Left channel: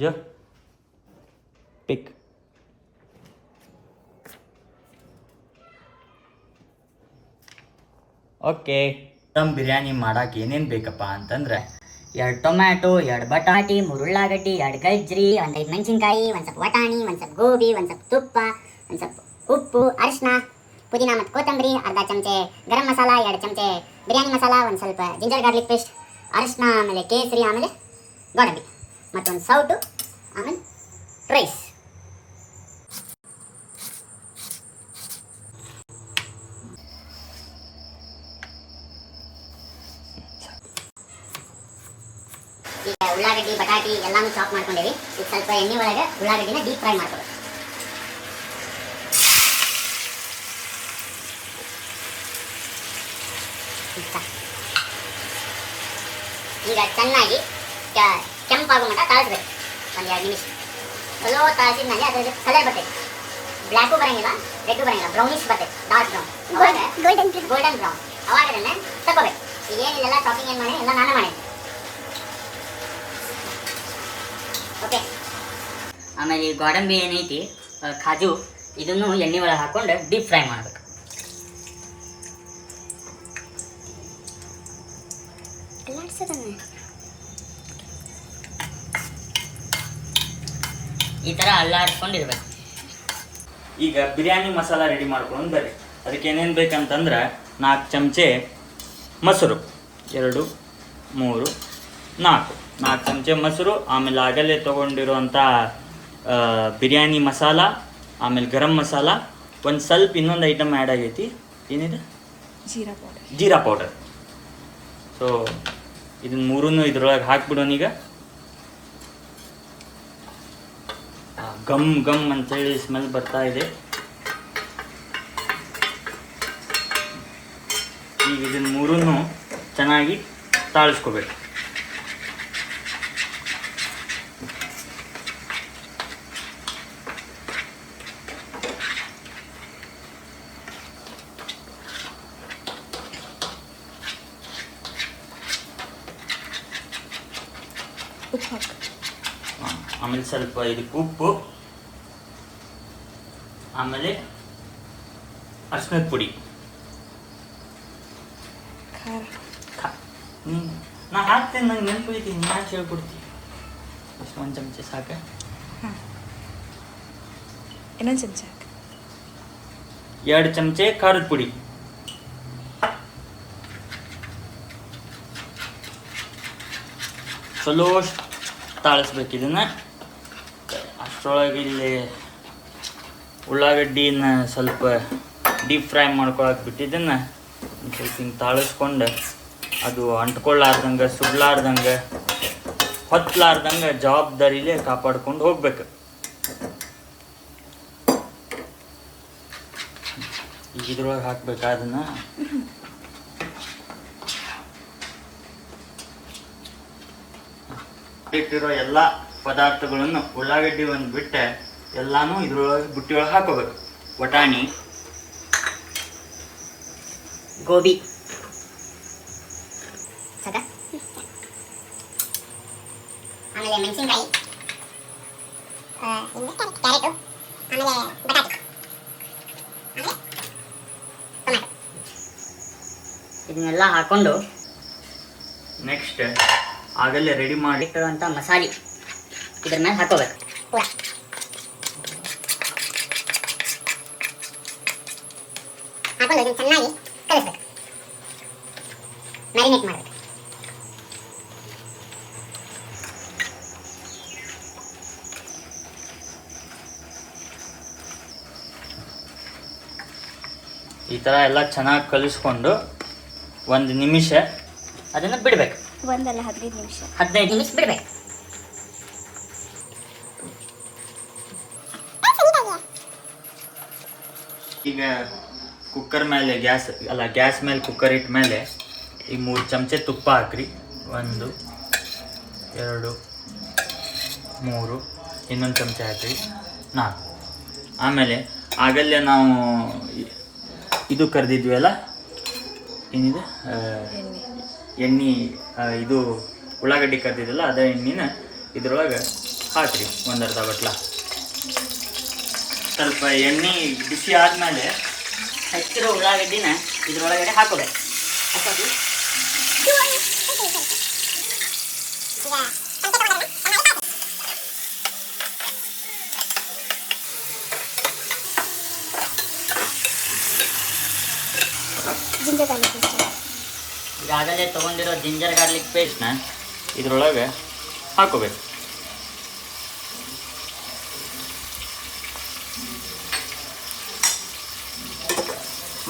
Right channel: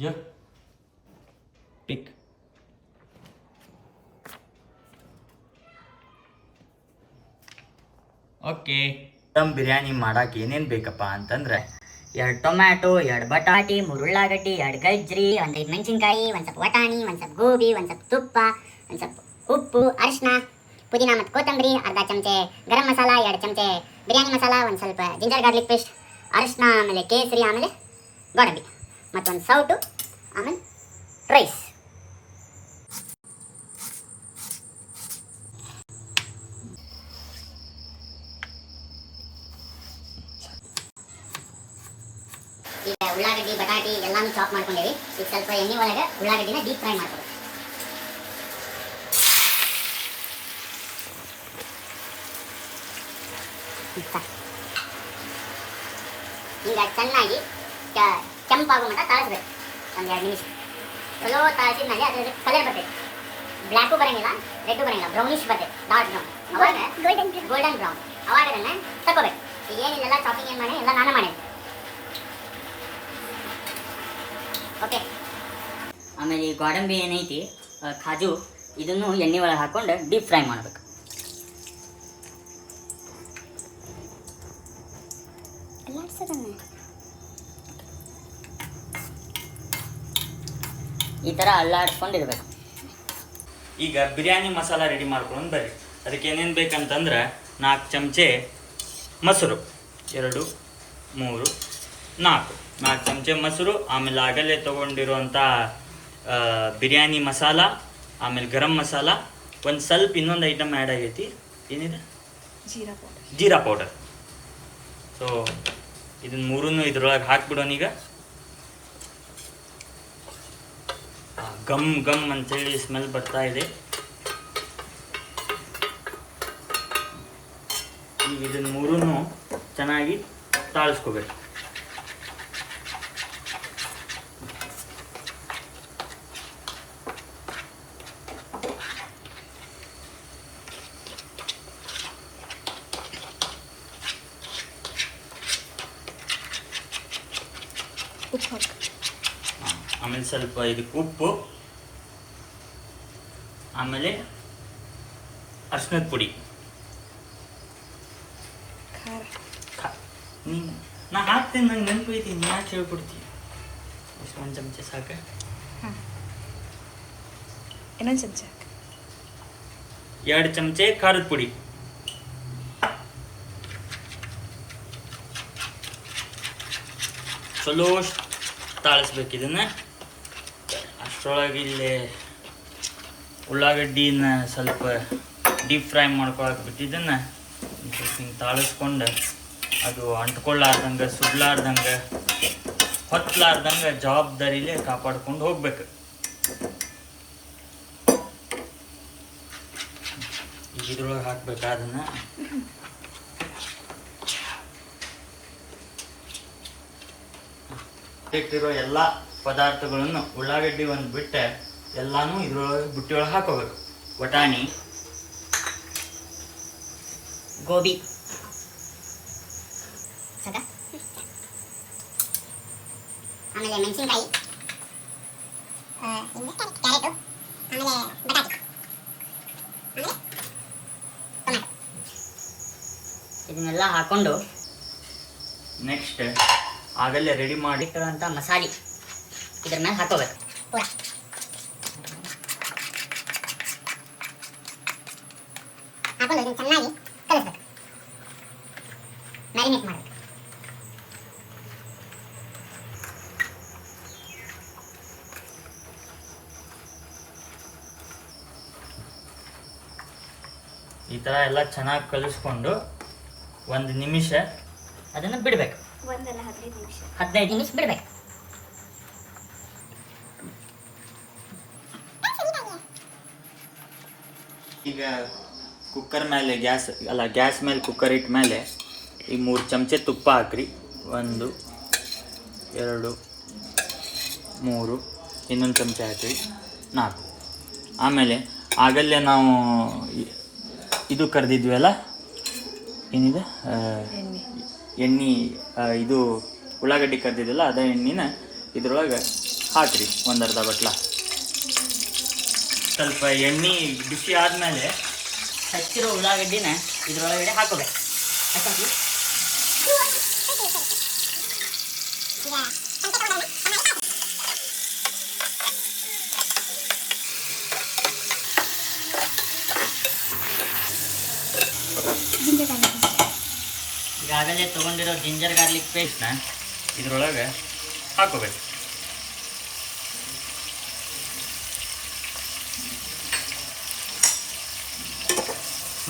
ಜೋ ಪಿಕ್. Okay, dum biryani ಮಾಡಕ್ಕೆ ಏನೇನು ಬೇಕಪ್ಪ ಅಂತಂದ್ರೆ 2 ಟೊಮ್ಯಾಟೊ, 2 ಬಟಾಟಿ, 3 ಉಳ್ಳಾಗಡ್ಡಿ, 2 ಗಜ್ರಿ, 1 5 ಮೆಣಸಿನ್ಕಾಯಿ, 1 ಸ್ವಲ್ಪ ವಟಾಣಿ, 1 ಸ್ವಲ್ಪ ಗೋಬಿ, 1 ಸ್ವಲ್ಪ ತುಪ್ಪ, 1 ಸ್ವಲ್ಪ ಉಪ್ಪು, ಅರಿಶಿನ, ಪುದೀನ ಮತ್ತು ಕೊತ್ತಂಬರಿ, ಅರ್ಧ ಚಮಚೆ ಗರಂ ಮಸಾಲ, 2 ಚಮಚೆ ಬಿರಿಯಾನಿ ಮಸಾಲ, 1 ಸ್ವಲ್ಪ ಜಿಂಜರ್ ಗಾರ್ಲಿಕ್ ಪೇಸ್ಟ್, ಅರಿಶಿನ, ಆಮೇಲೆ ಕೇಸರಿ, ಆಮೇಲೆ ಗೋಡಂಬಿ ಮತ್ತೊಂದು ಸೌಟು, ಆಮೇಲೆ ರೈಸ್. ಈಗ ಉಳ್ಳಾಗಡ್ಡಿ ಬಟಾಟಿ ಎಲ್ಲಾನು ಚಾಪ್ ಮಾಡ್ಕೊಂಡಿವಿ. ಈಗ ಸ್ವಲ್ಪ ಎಣ್ಣೆ ಒಳಗೆ ಉಳ್ಳಾಗಡ್ಡಿನ ಡೀಪ್ ಫ್ರೈ ಮಾಡ್ಕೊಬೇಕು. ಈಗ ಚೆನ್ನಾಗಿ ಕೆಂಪಾಗೋ ಮಟ್ಟ ತಾಳಿಸ್ಬೇಕು. 1-2 ನಿಮಿಷ ಚಲೋ ತಾಳಿಸಿದ್ಮೇಲೆ ಅದ್ರಲ್ಲಿ ಕಲರ್ ಬರ್ತೈತೆ. ಬ್ಲ್ಯಾಕು ಬರಂಗಿಲ್ಲ, ರೆಡ್ಡು ಬರಂಗಿಲ್ಲ, ಬ್ರೌನಿಶ್ ಬರ್ತೈತೆ, ಡಾರ್ಕ್ ಬ್ರೌನ್, ಗೋಲ್ಡನ್ ಬ್ರೌನ್. ಅವಾಗ ಅದನ್ನ ತಗೋಬೇಕು. ಈಗ ಏನಿಲ್ಲ ಚಾಪಿಂಗ್ ಏನು ಮಾಡಿ ಎಲ್ಲ ನಾನು ಮಾಡಿದ್ದೆ. ಓಕೆ, ಆಮೇಲೆ ಈ ಗೋಡಂಬಿ ಏನೈತಿ ಕಾಜು, ಇದನ್ನು ಎಣ್ಣೆ ಒಳಗೆ ಹಾಕೊಂಡು ಡೀಪ್ ಫ್ರೈ ಮಾಡಬೇಕು. ಈ ಥರ ಅಲ್ಲಾಡಿಸ್ಕೊಂಡಿರ್ಬೇಕು. ಈಗ ಬಿರಿಯಾನಿ ಮಸಾಲ ರೆಡಿ ಮಾಡ್ಕೊಂಡು ಬರ್ರಿ. ಅದಕ್ಕೆ ಏನೇನು ಬೇಕಂತಂದ್ರೆ 4 ಚಮಚೆ ಮೊಸರು, 2 3 4 ಚಮಚೆ ಮೊಸರು, ಆಮೇಲೆ ಆಗಲೇ ತೊಗೊಂಡಿರೋಂಥ ಬಿರಿಯಾನಿ ಮಸಾಲ, ಆಮೇಲೆ ಗರಂ ಮಸಾಲ, ಒಂದು ಸ್ವಲ್ಪ ಇನ್ನೊಂದು ಐಟಮ್ ಆ್ಯಡ್ ಆಗೈತಿ. ಏನಿದೆ? ಜೀರಾ ಪೌಡರ್. ಸೊ ಇದನ್ನ ಮೂರನ್ನು ಇದ್ರೊಳಗೆ ಹಾಕ್ಬಿಡೋಣ. ಈಗ ಗಮ್ ಗಮ್ ಅಂತೇಳಿ ಸ್ಮೆಲ್ ಬರ್ತಾ ಇದೆ. ಈಗ ಇದನ್ನ ಮೂರನ್ನು ಚೆನ್ನಾಗಿ ತಾಳಿಸ್ಕೋಬೇಕು. ಆಮೇಲೆ ಸ್ವಲ್ಪ ಇದಕ್ಕೆ ಉಪ್ಪು, ಆಮೇಲೆ ಅರ್ಶಿನದ ಪುಡಿ. ನಾ ಹಾಕ್ತೇನೆ, ನಂಗೆ ನೆನಪೈತಿ, ನೀ ಯಾಕೆ ಹೇಳ್ಕೊಡ್ತೀವಿ? ಅಷ್ಟು 1 ಚಮಚೆ ಸಾಕ? ಇನ್ನೊಂದು ಚಮಚ 2 ಚಮಚೆ ಖಾರದ ಪುಡಿ, ಚಲೋ ತಾಳಿಸ್ಬೇಕು ಇದನ್ನು. ಅಷ್ಟರೊಳಗೆ ಇಲ್ಲಿ ಉಳ್ಳಾಗಡ್ಡಿನ ಸ್ವಲ್ಪ ಡೀಪ್ ಫ್ರೈ ಮಾಡ್ಕೊಳಕ್ಕೆ ಬಿಟ್ಟಿದ್ದನ್ನು ಸ್ವಲ್ಪ ಹಿಂಗೆ ತಾಳಿಸ್ಕೊಂಡು ಅದು ಅಂಟ್ಕೊಳ್ಳಾರ್ದಂಗೆ, ಸುಡ್ಲಾರ್ದಂಗೆ, ಹೊತ್ತಲಾರ್ದಂಗೆ ಜವಾಬ್ದಾರಿಲೇ ಕಾಪಾಡ್ಕೊಂಡು ಹೋಗ್ಬೇಕು. ಈಗ ಇದ್ರೊಳಗೆ ಹಾಕ್ಬೇಕಾ ಅದನ್ನು? ಇಟ್ಟಿರೋ ಎಲ್ಲ ಪದಾರ್ಥಗಳನ್ನು ಉಳ್ಳಾಗಡ್ಡಿ ಒಂದು ಬಿಟ್ಟೆ ಎಲ್ಲಾನು ಇದ್ರೊಳಗೆ ಬುಟ್ಟಿ ಒಳಗೆ ಹಾಕೋಬೇಕು. ವಟಾಣಿ, ಗೋಬಿ, ಆಮೇಲೆ ಮೆಣಸಿನ್ಕಾಯಿ, ಕ್ಯಾರೆಟು, ಆಮೇಲೆ ಬಟಾಟಿ, ಆಮೇಲೆ ಟೊಮ್ಯಾಟೊ. ಇದನ್ನೆಲ್ಲ ಹಾಕೊಂಡು ನೆಕ್ಸ್ಟ್ ಆಗಲೇ ರೆಡಿ ಮಾಡಿ ಇಟ್ಟಿರುವಂಥ ಮಸಾಲೆ ಇದ್ರ ಮೇಲೆ ಹಾಕೋಬೇಕು. ಹಾಕೊಂಡು ಇದನ್ನು ಚೆನ್ನಾಗಿ ಕಲಿಸ್ಬೇಕು, ಮ್ಯಾರಿನೇಟ್ ಮಾಡಬೇಕು. ಈ ಥರ ಎಲ್ಲ ಚೆನ್ನಾಗಿ ಕಲಿಸ್ಕೊಂಡು 1 ನಿಮಿಷ ಅದನ್ನು ಬಿಡಬೇಕು. 15 ನಿಮಿಷ ಬಿಡಬೇಕು. ಈಗ ಕುಕ್ಕರ್ ಮೇಲೆ ಗ್ಯಾಸ್ ಮೇಲೆ ಕುಕ್ಕರ್ ಇಟ್ಟ ಮೇಲೆ ಈ 3 ಚಮಚೆ ತುಪ್ಪ ಹಾಕ್ರಿ. 1 2 3, ಇನ್ನೊಂದು ಚಮಚ ಹಾಕ್ರಿ, 4. ಆಮೇಲೆ ಆಗಲ್ಲೇ ನಾವು ಇದು ಕರೆದಿದ್ವಲ್ಲ, ಏನಿದೆ ಎಣ್ಣೆ, ಇದು ಉಳ್ಳಾಗಡ್ಡಿ ಕರೆದಿದ್ದಲ್ಲ, ಅದೇ ಎಣ್ಣೆನ ಇದ್ರೊಳಗೆ ಹಾಕ್ರಿ ಒಂದು ಅರ್ಧ ಬಟ್ಲ. ಸ್ವಲ್ಪ ಎಣ್ಣೆ ಬಿಸಿ ಆದಮೇಲೆ ಹಚ್ಚಿರೋ ಉಳ್ಳಾಗಡ್ಡಿನ ಇದ್ರೊಳಗಡೆ ಹಾಕೋಬೇಕು. ಈಗಾಗಲೇ ತೊಗೊಂಡಿರೋ ಜಿಂಜರ್ ಗಾರ್ಲಿಕ್ ಪೇಸ್ಟ್ನ ಇದ್ರೊಳಗೆ ಹಾಕೋಬೇಕು.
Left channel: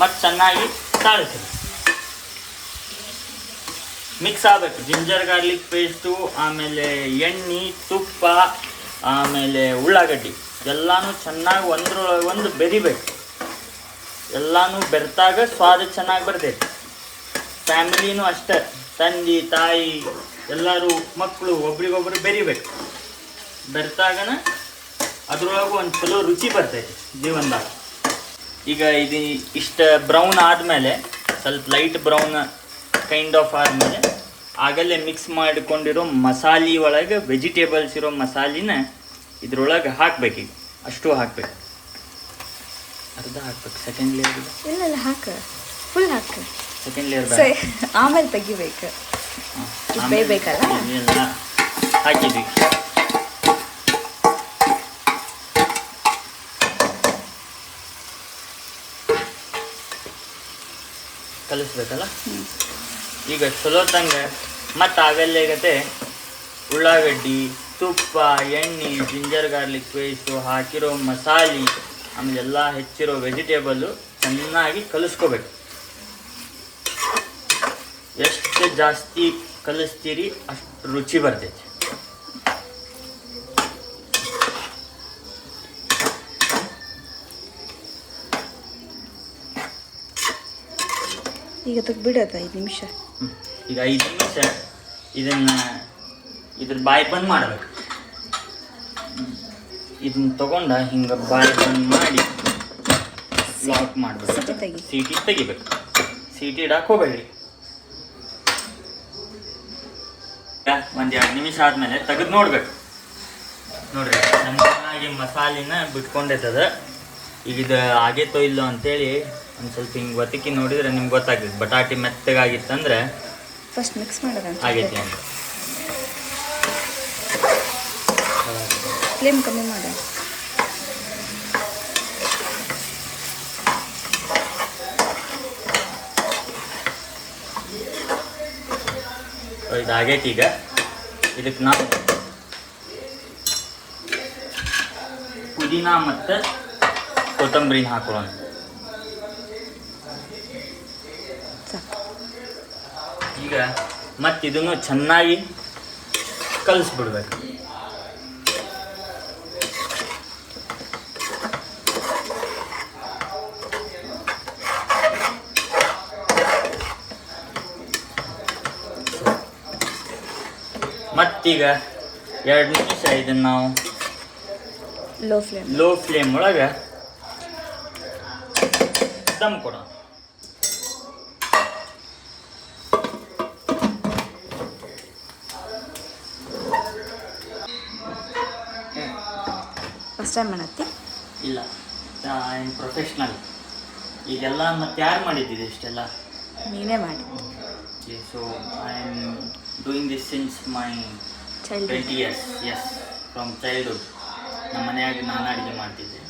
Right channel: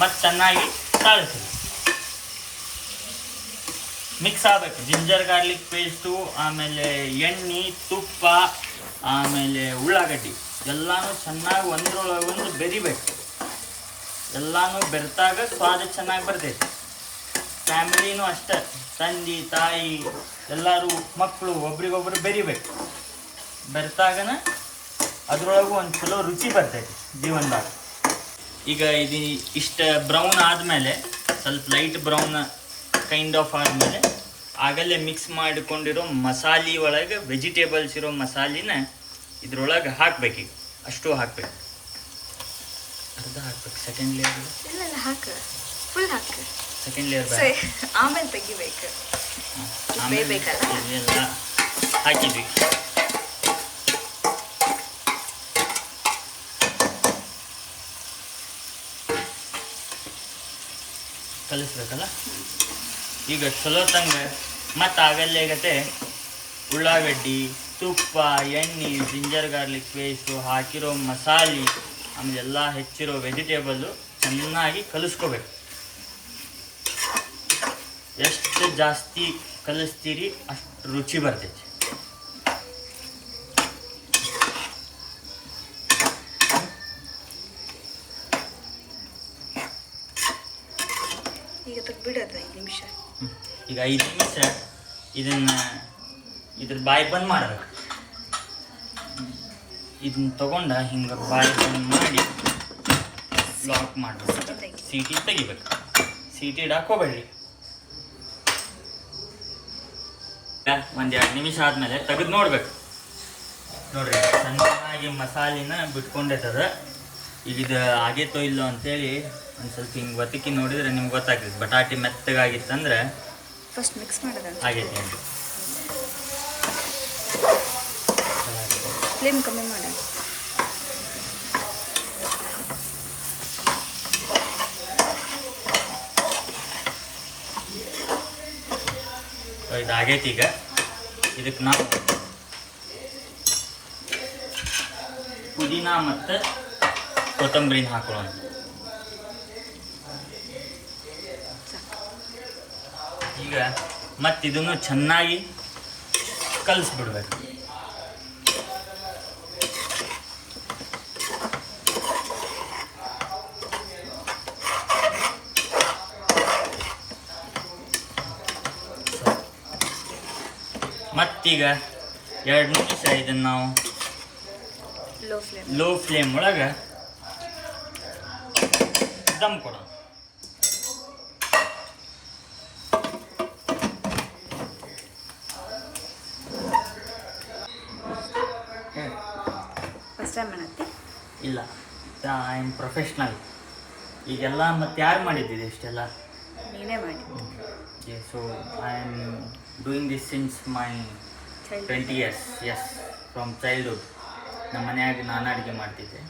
ಮತ್ತು ಚೆನ್ನಾಗಿ ತಾಳಿಸ್ಬೇಕು. ಮಿಕ್ಸ್ ಆಗಬೇಕು ಜಿಂಜರ್ ಗಾರ್ಲಿಕ್ ಪೇಸ್ಟು, ಆಮೇಲೆ ಎಣ್ಣೆ, ತುಪ್ಪ, ಆಮೇಲೆ ಉಳ್ಳಾಗಡ್ಡಿ ಎಲ್ಲನೂ ಚೆನ್ನಾಗಿ ಒಂದ್ರೊಳಗೆ ಒಂದು ಬೆರಿಬೇಕು. ಎಲ್ಲನೂ ಬೆರೆತಾಗ ಸ್ವಾದ ಚೆನ್ನಾಗಿ ಬರ್ತೈತಿ. ಫ್ಯಾಮಿಲಿನೂ ಅಷ್ಟೇ, ತಂದೆ ತಾಯಿ ಎಲ್ಲರೂ ಮಕ್ಕಳು ಒಬ್ರಿಗೊಬ್ರು ಬೆರಿಬೇಕು. ಬೆರೆತಾಗನ ಅದ್ರೊಳಗೂ ಒಂದು ಚಲೋ ರುಚಿ ಬರ್ತೈತಿ ಜೀವನದಾಗ. ಈಗ ಇದು ಇಷ್ಟ ಬ್ರೌನ್ ಆದಮೇಲೆ, ಸ್ವಲ್ಪ ಲೈಟ್ ಬ್ರೌನ್ ಕೈಂಡ್ ಆಫ್ ಆದಮೇಲೆ ಆಗಲೇ ಮಿಕ್ಸ್ ಮಾಡಿಕೊಂಡಿರೋ ಮಸಾಲೆ ಒಳಗೆ ವೆಜಿಟೇಬಲ್ಸ್ ಇರೋ ಮಸಾಲಿನ ಇದ್ರೊಳಗೆ ಹಾಕ್ಬೇಕೀಗ. ಅಷ್ಟು ಹಾಕ್ಬೇಕು, ಅರ್ಧ ಹಾಕ್ಬೇಕು. ಸೆಕೆಂಡ್ ಲೇಯರ್ ಇಲ್ಲ ಹಾಕ, ಫುಲ್ ಹಾಕ. ಸೆಕೆಂಡ್ ಲೇಯರ್ ಆಮೇಲೆ ತೆಗಿಬೇಕು, ಬೇಯಬೇಕಲ್ಲ. ಎಲ್ಲ ಹಾಕಿದ್ವಿ. ಕಲಿಸ್ಬೇಕಲ್ಲ. ಈಗ ಚಲೋ ತಂಗ ಮತ್ತು ಆಗಲ್ಲೇ ಉಳ್ಳಾಗಡ್ಡಿ, ತುಪ್ಪ, ಎಣ್ಣೆ, ಜಿಂಜರ್ ಗಾರ್ಲಿಕ್ ಪೇಸ್ಟು, ಹಾಕಿರೋ ಮಸಾಲೆ, ಆಮೇಲೆ ಎಲ್ಲ ಹೆಚ್ಚಿರೋ ವೆಜಿಟೇಬಲ್ಲು ಚೆನ್ನಾಗಿ ಕಲಿಸ್ಕೋಬೇಕು. ಎಷ್ಟು ಜಾಸ್ತಿ ಕಲಿಸ್ತೀರಿ ಅಷ್ಟು ರುಚಿ ಬರ್ತೈತಿ. ಈಗ ತೆಗ್ಬಿಡೋದು 5 ನಿಮಿಷ. ಈಗ 5 ನಿಮಿಷ ಇದ್ರ ಬಾಯಿ ಬಂದ್ ಮಾಡ್ಬೇಕು. ಇದನ್ನ ತಗೊಂಡ ಹಿಂಗೆ ಬಾಯಿ ಬಂದ್ ಮಾಡಿ ಲಾಕ್ ಮಾಡ್ಬೇಕು. ಸೀಟಿ ತೆಗಿಬೇಕು. ಸೀಟಿ ಇಡಕ್ಕೆ ಹೋಗ್ಬೇಡಿ. ಒಂದು 2 ನಿಮಿಷ ಆದಮೇಲೆ ತೆಗೆದು ನೋಡ್ಬೇಕು. ನೋಡ್ರಿ ಚೆನ್ನಾಗಿ ಮಸಾಲಿನ ಬಿಟ್ಕೊಂಡೈತದ. ಈಗ ಇದು ಆಗೇತೋ ಇಲ್ಲೋ ಅಂತೇಳಿ ಒಂದು ಸ್ವಲ್ಪ ಹಿಂಗೆ ಒತ್ತಿಕ್ಕಿ ನೋಡಿದ್ರೆ ನಿಮ್ಗೆ ಗೊತ್ತಾಗ್ತದೆ. ಬಟಾಟಿ ಮೆತ್ತಗಾಗಿತ್ತಂದ್ರೆ ಫಸ್ಟ್ ಮಿಕ್ಸ್ ಮಾಡೋದು ಆಗೈತಿ ಅಂತ. ಫ್ಲೇಮ್ ಕಮ್ಮಿ ಮಾಡ. ಇದು ಆಗೈತಿ. ಈಗ ಇದಕ್ಕೆ ನಾವು ಪುದೀನ ಮತ್ತು ಕೊತ್ತಂಬರಿನ ಹಾಕೊಳ್ಳೋಣ. ಈಗ ಮತ್ತು ಇದನ್ನು ಚೆನ್ನಾಗಿ ಕಲಿಸ್ಬಿಡ್ಬೇಕು. ಮತ್ತೀಗ 2 ನಿಮಿಷ ಇದನ್ನು ನಾವು ಲೋ ಫ್ಲೇಮ್ ಒಳಗೆ ದಮ್ ಕೊಡೋಣ. ಫಸ್ಟ್ ಟೈಮ್ ಮಾಡತ್ತಿ? ಇಲ್ಲ, ಐ ಆಮ್ ಪ್ರೊಫೆಷ್ನಲ್. ಈಗೆಲ್ಲ ಮತ್ತೆ ಯಾರು ಮಾಡಿದ್ದಿದೆ ಇಷ್ಟೆಲ್ಲ? ನೀನೇ ಮಾಡಿ. So I am doing this since my 20 years. Yes, from childhood. ನಮ್ಮ ಮನೆಯಾಗಿ ನಾನು ಅಡುಗೆ ಮಾಡ್ತಿದ್ದೆ.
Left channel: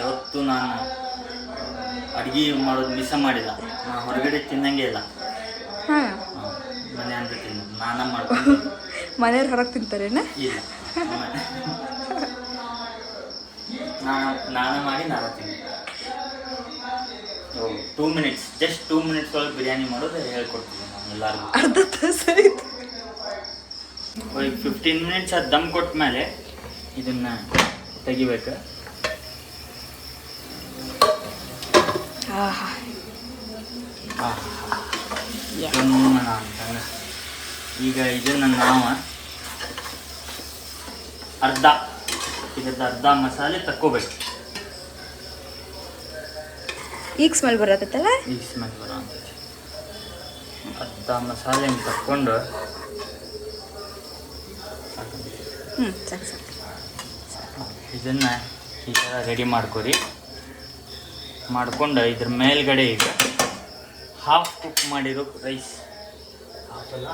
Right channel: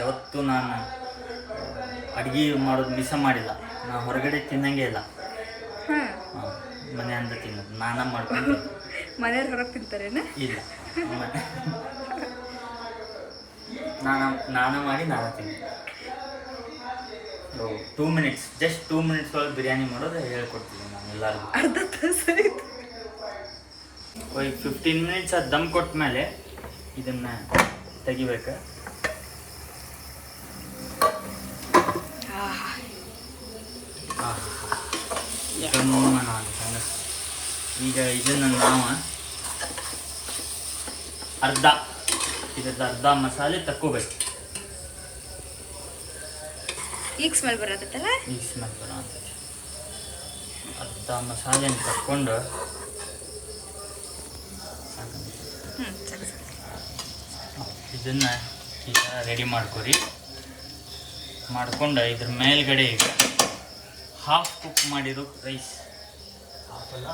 ಯಾವತ್ತೂ ನಾನು ಅಡುಗೆ ಮಾಡೋದು ಮಿಸ್ ಮಾಡಿಲ್ಲ. ನಾನು ಹೊರಗಡೆ ತಿನ್ನಂಗೆ ಇಲ್ಲ. ಮನೆ ಅಂತ ತಿನ್ನೋದು ನಾನೇ ಮಾಡ್ಕೊಂಡು. ಮನೆಯವ್ರು ಹೊರಗೆ ತಿಂತಾರೇನ? ಇಲ್ಲ, ನಾನು ಮಾಡಿ ನಾನು ತಿಂತೀನಿ. 2 minutes, ಜಸ್ಟ್ 2 minutes ಒಳಗೆ ಬಿರಿಯಾನಿ ಮಾಡೋದು ಹೇಳ್ಕೊಡ್ತೀನಿ ನಾನು ಎಲ್ಲರಿಗೂ. ಅರ್ಧ ತಾಸು 15 minutes ಅದು ದಮ್ ಕೊಟ್ಟ ಮೇಲೆ ಇದನ್ನು ತೆಗಿಬೇಕು. ಈಗ ಇದನ್ನು ನಾವು ಅರ್ಧ ಮಸಾಲೆ ತಕ್ಕೋಬೇಕು. ಈಗ ಸ್ಮೆಲ್ ಬರತ್ತಲ್ಲ? ಈಗ ಸ್ಮೆಲ್ ಬರೋ ಅಂತೈತಿ. ಅರ್ಧ ಮಸಾಲೆ ತಕ್ಕೊಂಡು ಸಾಕು ಸಾಕು. ಇದನ್ನು ಈ ಥರ ರೆಡಿ ಮಾಡ್ಕೊರಿ. ಮಾಡ್ಕೊಂಡು ಇದ್ರ ಮೇಲ್ಗಡೆ ಈಗ ಹಾಫ್ ಕುಕ್ ಮಾಡಿರೋ ರೈಸ್, ಹಾಫಲ್ಲ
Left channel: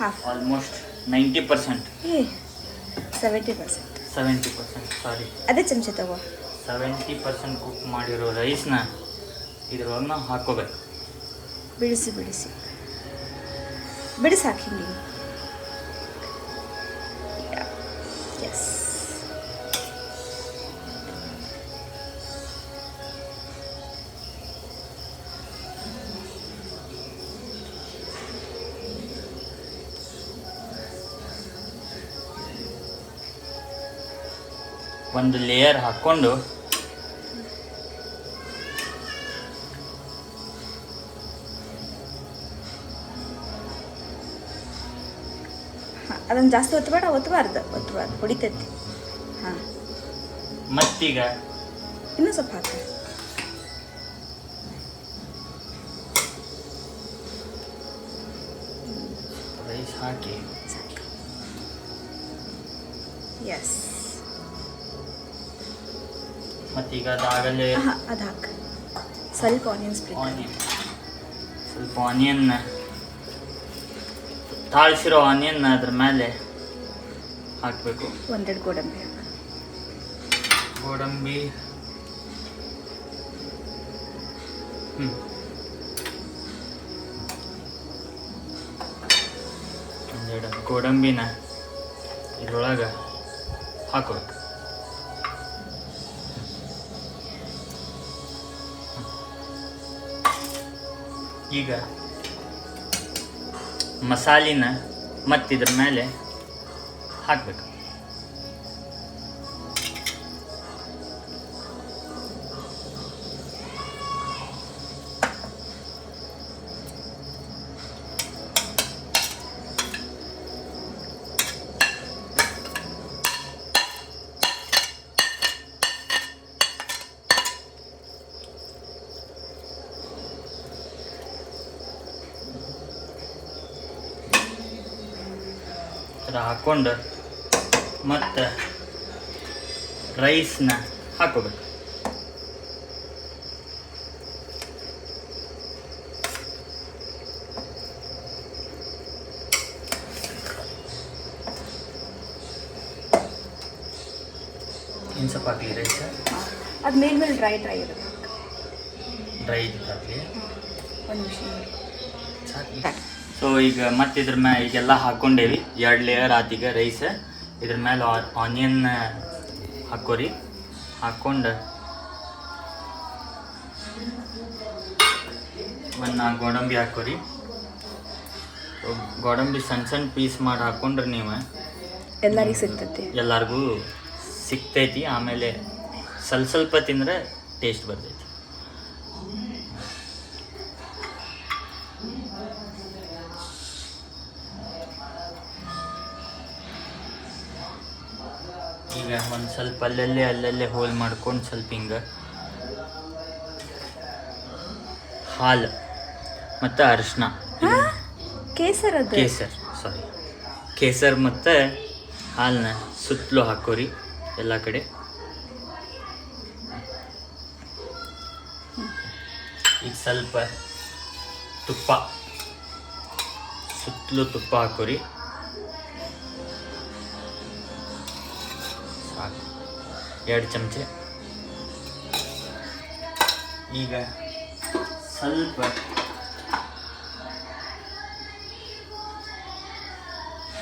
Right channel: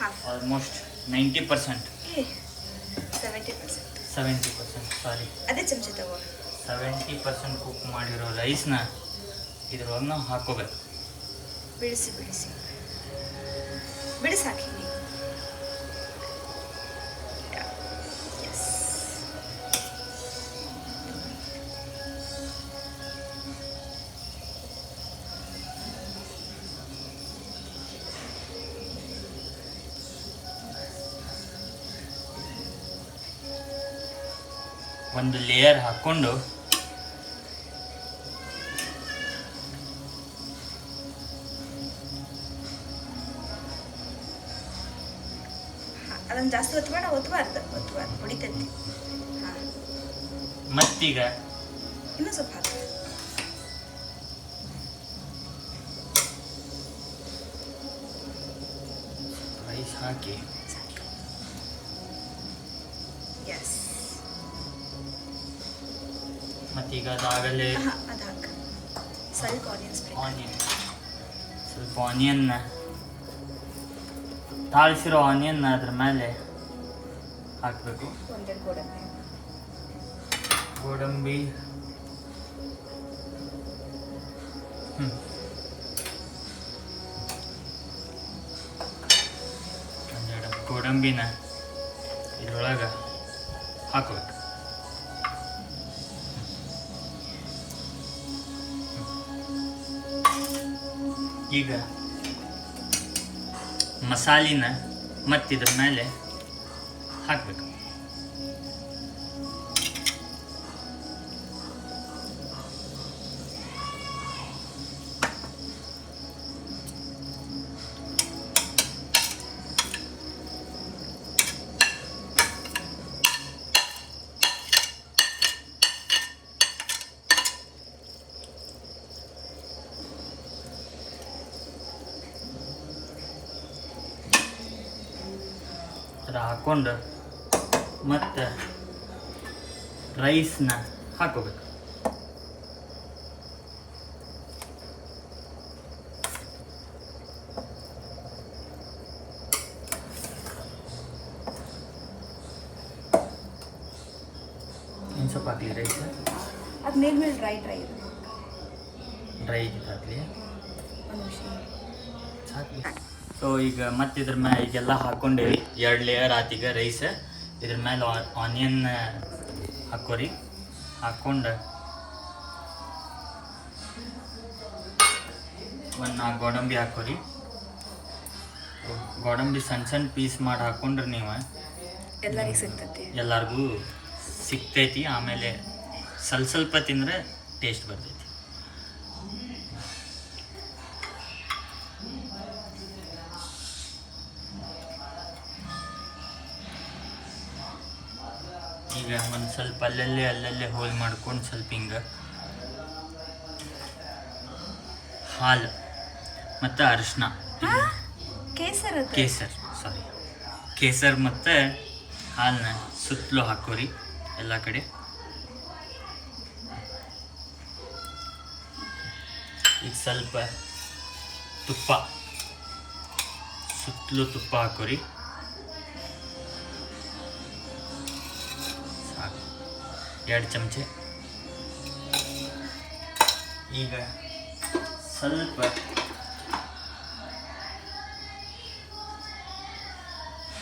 ಹಾಫ್ ಆಲ್ಮೋಸ್ಟ್ 90%, 70%. 70% ಸಾರಿ, ಅದೇ ಚಮಚ ತಗೋ. 70% ಕುಕ್ ಮಾಡಿರೋ ರೈಸ್ನ ಇದ್ರೊಳಗೆ ಹಾಕೋಬೇಕು. ಬಿಡಿಸಿ ಬಿಡಿಸಿ ಬಿಡಿಸಿ ಹಾಕಿ ನೀವು. ಎಸ್. ಒಂದು ಲೇಯರ್ ಹಾಕ್ಕೊಂಡು ಅದನ್ನು ಜಾಸ್ತಿ ಒತ್ತಬಾರ್ದು ಹೊಡಿತೈತಿ. ಹಾಂ, ಮತ್ತೀಗ ಇನ್ನೂ ಸ್ವಲ್ಪ ಹಾಕಿ. ರೈಸ್ ಹಾಕಿ ಎಸ್. ಮತ್ತೀಗ ಅದಾಗಲೇ ಅದು ಹಾಕಿ. ಸ್ವಲ್ಪ ಆನಿಯನ್ಸ್ ಸ್ವಲ್ಪ ಆನಿಯನ್, ತಾಳ್ಸಿರೋ ಆನಿಯನ್ ಅದ್ರ ಮೇಲೆ ಹಾಕಬೇಕು. ಒಂದೆರಡು ಗೋಡಂಬಿ ಹಾಕಿ. ಗೋಡಂಬಿ ಒಂದೆರಡು ಗೋಡಂಬಿನ ಇದ್ರೊಳಗೆ ಹಾಕಬೇಕು. ಈಗ ಮಸಾಲಿನ ಮತ್ತಿದ್ರ ಮೇಲೆ ಹಾಕಬೇಕು. ಹಾಕ್ಕೊಂಡು ಮತ್ತು ರೈಸ್ನ ಹಾಕೋಬೇಕು. ಇನ್ನು ಸ್ವಲ್ಪ ಹಾಕಲಿ ರೈಸ್, ಅದು ಮೇಲ್ಮೇಲೆ ಡ್ರೈ ಇರಬೇಕು. ಡ್ರೈ ಹಾಕಲಿ. ಒಂದು ನಿಮಿಷ. ಸೊ ಈಗ ಮತ್ತೆ ಇದ್ರ ಮೇಲೆ ಈಗೆಲ್ಲ ಹಾಕ್ಕೊಂಡೇವಿ. 2 ಲೇಯರ್ ಆತೀಗ ರೈಸ್. ಇದ್ರ ಮೇಲೆ ಆನಿಯನ್ ಹಾಕೋರಿ. ಹಾಕ್ಕೊಂಡು ಒಂದು 4 ಗೋಡಂಬಿ ಹಾಕೋರಿ. ಗೋಡಂಬಿ ಸಣ್ಣ ಸಣ್ಣ ಪೀಸ್ ಮಾಡಿ ಹಾಕ್ಕೊಂಡ್ರೆ ನೀವು ಎಲ್ಲರಿಗೂ ಸಿಗ್ತೈತಿ, ಎಲ್ಲರಿಗೂ ಸಿಗ್ತೈತಿ. ಆಮೇಲೆ ಸ್ವಲ್ಪ ತಿಂದ್ರೆ ಟೇಸ್ಟ್ ಬರ್ತೈತಿ. ಈಗ ಒಂದು ಸ್ವಲ್ಪ ಅಲ್ಲಲ್ಲೇ ಹೋಲ್ ಮಾಡ್ಕೊಂಡು ಸ್ವಲ್ಪ ಹಿಂಗೆ ಹಾಲು ಮತ್ತು ಅರಿಶಿನ, ಕೇಸರ್ ಮತ್ತು ಹಾಲನ್ನ ಸುತ್ತಲೂ ಹಾಕೋರಿ ಎಲ್ಲ ಕಡೆ. ಈಗ ಸ್ವಲ್ಪ ತುಪ್ಪ, ಸುತ್ತಲೂ ತುಪ್ಪ ಹಾಕೋರಿ. 2 ಚಮಚೆ. ಈಗ ಸ್ವಲ್ಪ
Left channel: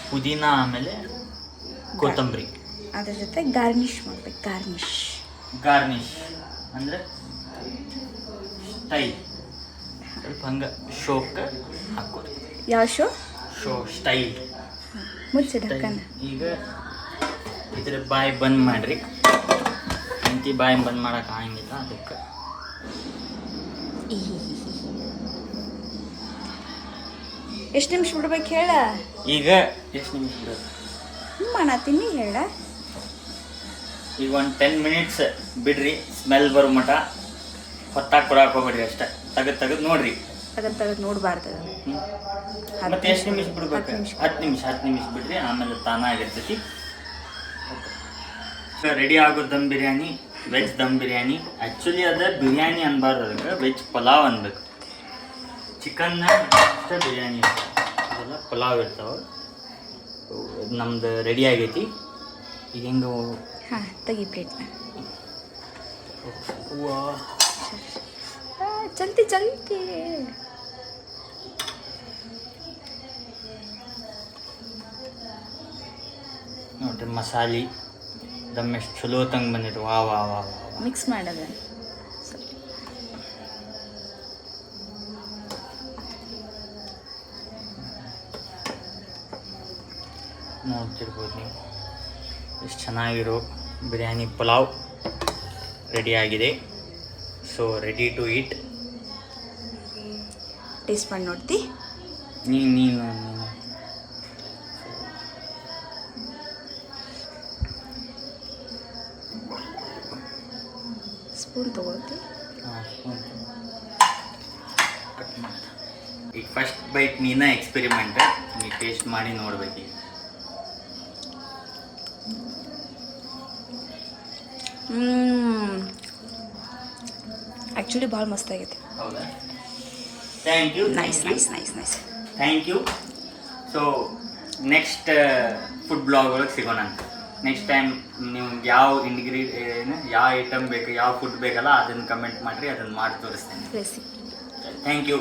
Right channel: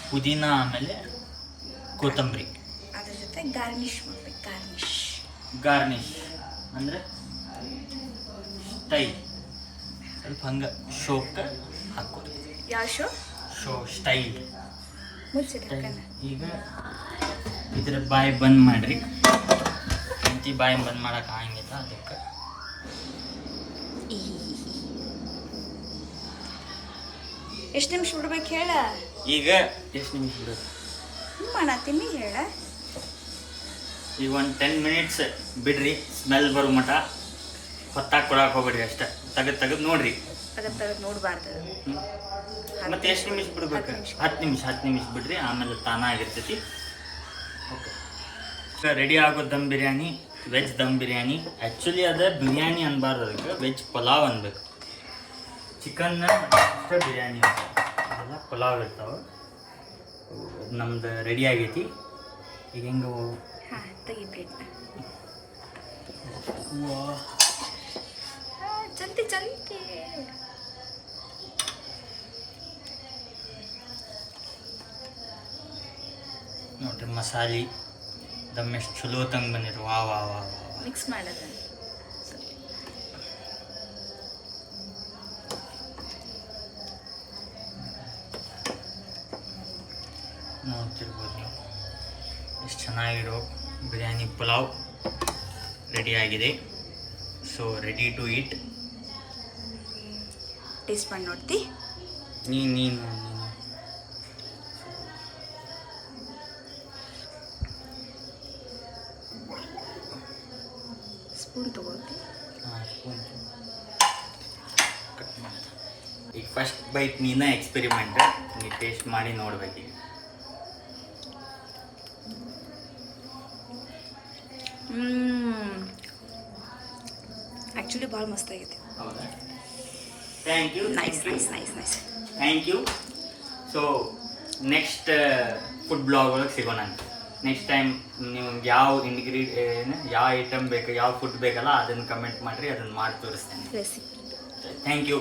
ಪುದೀನ ಆಮೇಲೆ ಕೊತ್ತಂಬರಿ, ಅದ್ರ ಜೊತೆ ಗಾರ್ನಿಷ್ ಮಾಡ್ಬೇಕು. ಗಾರ್ನಿಷ್ ಅಂದರೆ ಸ್ಟೈಲ್, ಸ್ವಲ್ಪ ಹಂಗೆ ಶೋಕ್ಕೆ ಹಾಕೋರಿ. ಯಾವ ಶೋ ಸ್ಟೈಲ್ ಮುಚ್ಚಿಡ. ಈಗ ಇದ್ರ ಬಾಯಿ ಬಂದ್ ಮಾಡ್ರಿ. ಬಾಯಿ ಬಂದ್ ಮಾಡಕ್ ಆಗಂಗಿಲ್ಲ, ಅದಕ್ಕೆ ಎಷ್ಟು ನಿಮಿಷ ಬಿಡ್ಬೇಕು ಹೇಳ? ಈಗ ಎಷ್ಟು ನಿಮಿಷ ಬಿಡೋದು ಮಾಡತ್ತೀನಿ ಹೇಳ. ಈಗ ಒಂದು 10 ಮಿನಿಟ್ಸ್ ಬಿಡ್ರಿ. ಸ್ಮೆಲ್ ಬರೋ ಮಟ ಹೊತ್ತಾಗಿ ಕೊಡಕ್ಕೆ ಹೋಗ್ಬೇಡ್ರಿ. ಅಷ್ಟೇ ತೆಗೆದು ನೋಡ್ರಿ. ತೆಗೆದು ನೋಡಬಾರ್ದು. ಮತ್ತೆ ಎಷ್ಟು ನಿಮಿಷ ಬಿಡ್ಬೇಕು? 10 ನಿಮಿಷ ಬಿಡ್ರಿ. ಆಮೇಲೆ ತಾನಾಗಿರ್ತೈತಿ. ರೆಡಿ ಆಗೋ ದಮ್ ಬಿರಿಯಾನಿ ವೆಜ್ ದಮ್ ಬಿರಿಯಾನಿ. ಆ್ಯಕ್ಚುಲಿ ಅದು ಬಿರಿಯಾನಿ ಅನ್ಬಾರ್ದು, ಅದಕ್ಕೆ ವೆಜ್ ಪಲಾವ್ ಅನ್ಬೇಕು. ಚಿಕನ್ನ ಅಷ್ಟೇ ಬಿರಿಯಾನಿ ಅದೆಲ್ಲ ಪಲಾವ್ ಇರ್ತಾವೆ. ನಮ್ದು ರೆಡಿ ಆಗೈತಿ. ಈಗ ಹೆಂಗೆ ಹಾಂ ತೆಗಿ ಪ್ಲೇಟ್ನ. ಚಂತಿ ಚಂತಿ. ನೋಡ್ರಿ ಮಸಾಲೆ ದಮ್ ಎಷ್ಟು ಚಲೋ ತಂಗೆ ಬಂದಿತ್ತು. ವಾ ವಾ ವಾ ಮಿಕ್ಸ್ ಮಾಡೋದು. ನೋಡ್ತಿರ್ಬೋದು ನೀವು ಎಷ್ಟು ಚೆನ್ನಾಗಿರೋ ಬಿರಿಯಾನಿ ಪಲಾವ್ ರೆಡಿ ಆಗಿದೆ. So ready to eat. Taste ಮಾಡಿ ನೋಡ್ತಿ. ನೀನು ಸ್ಪೂನ್ ತಗೋತಿ. ಈಗ ಫಸ್ಟ್ ಬೈಟ್ ನೀನ ಎಕ್ಸ್ಪೆರಿಮೆಂಟ್, ನೀ ಟೇಸ್ಟ್ ಮಾಡಿ ನೋಡ್ಬೇಕೀಗ. ಆ್ಯಕ್ಚುಲಿ ಭಾಳ ಮಸ್ತ್ ಆಗೈತೆ. ಹೌದಾ? Thank you. Nice nice nice nice. Thank you. So next food blog ಒಳಗೆ ಸಿಗೋಣ ಅಂತ. ನೆಕ್ಸ್ಟ್ ಟೈಮ್ ನಿಮ್ಗೆ ಯಾವ ಯಾವ ಐಟಮ್ ಬೇಕು, ಯಾವ ಫುಡ್ ಬೇಕಲ್ಲ ಅದನ್ನು ಕಮೆಂಟ್ ಮಾಡಿರಿ, ಅದನ್ನು ಮಾಡಿ ತೋರಿಸ್ತೇನೆ. ರೆಸಿಪಿ. Thank you.